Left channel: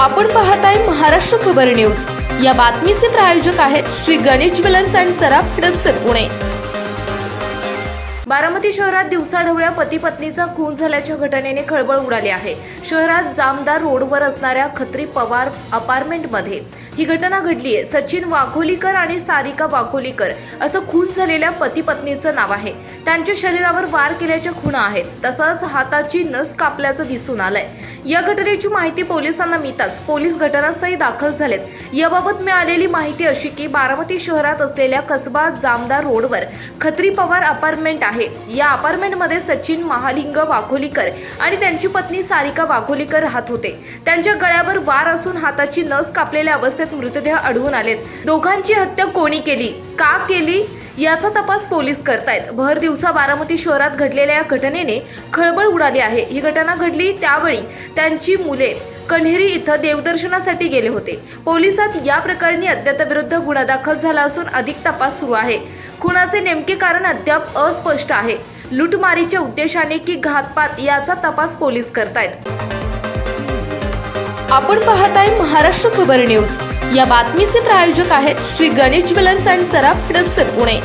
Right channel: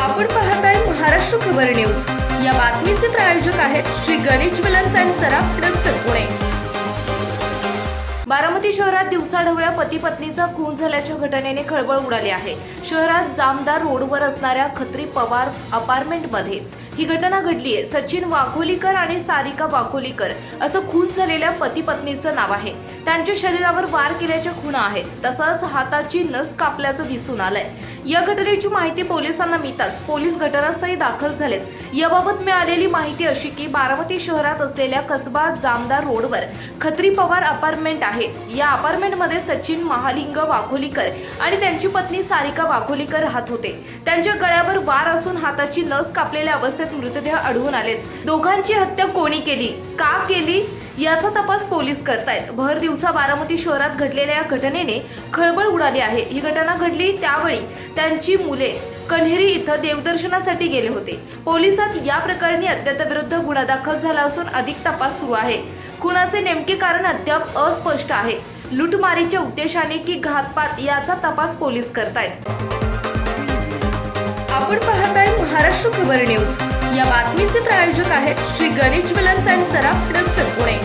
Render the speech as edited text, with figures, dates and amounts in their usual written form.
आपण पाहताय महाराष्ट्र खबर न्यूज। या बातमीचे प्रायोजक आहेत श्री गणेश ज्वेलर्स अँड सराफ हडपसर पुणे। बारामती शहरात दिवसाढवळ्या पती पत्नीचा खून झाल्याच्या घटनेने खळबळ उडाली आहे। शहरात जामदार रोडवर असणाऱ्या खत्री पवार अपार्टमेंटमध्ये ही घटना घडली आहे। सचिन वाघोलीकर आणि सारिका वाघोलीकर असं खून झालेल्या पती पत्नीचं नाव आहे। त्यांच्या शरीरावर वार केल्याच्या खुणा आहेत, तसंच हाताची नस कापल्याचं दिसून आलंय। या घटनेची माहिती पोलिसांना मिळताच पोलीस घटनास्थळी दाखल झालेत। याबाबत मिळालेली माहिती अशी की बारामती शहरात असलेल्या कसबा जामदार रोडवर खत्री पवार अपार्टमेंट आहे। या अपार्टमेंटमध्ये सचिन महालिंग वाघोलीकर आणि त्यांची पत्नी सारिका वाघोलीकर राहत होते। त्यांच्या गळ्यावर वार असून हाताची नस कापलेल्या अवस्थेत मृतदेह आढळून आलेत। दोघांची हत्या कोणी केली, का केली याचा तपास पोलीस करतायत। भर दिवसा बारामती शहरात घडलेल्या या घटनेने खळबळ उडाली आहे। ही घटना घडली त्यावेळी त्यांची मुले कन्हेरी इथं देवदर्शनासाठी गेले होते। पोलिसात या प्रकरणी अज्ञाताविरुद्ध गुन्हा दाखल झाला असून अधिक तपास सुरू आहे। खुनाचे नेमके कारण अद्याप अस्पष्ट आहे। लूटमारीच्या उद्देशाने की घातपात याचा तपास पोलीस करतायत। आपण पाहताय महाराष्ट्र खबर न्यूज। या बातमीचे प्रायोजक आहेत Shri Ganesh jewellers and Saraf Hadapsar Pune.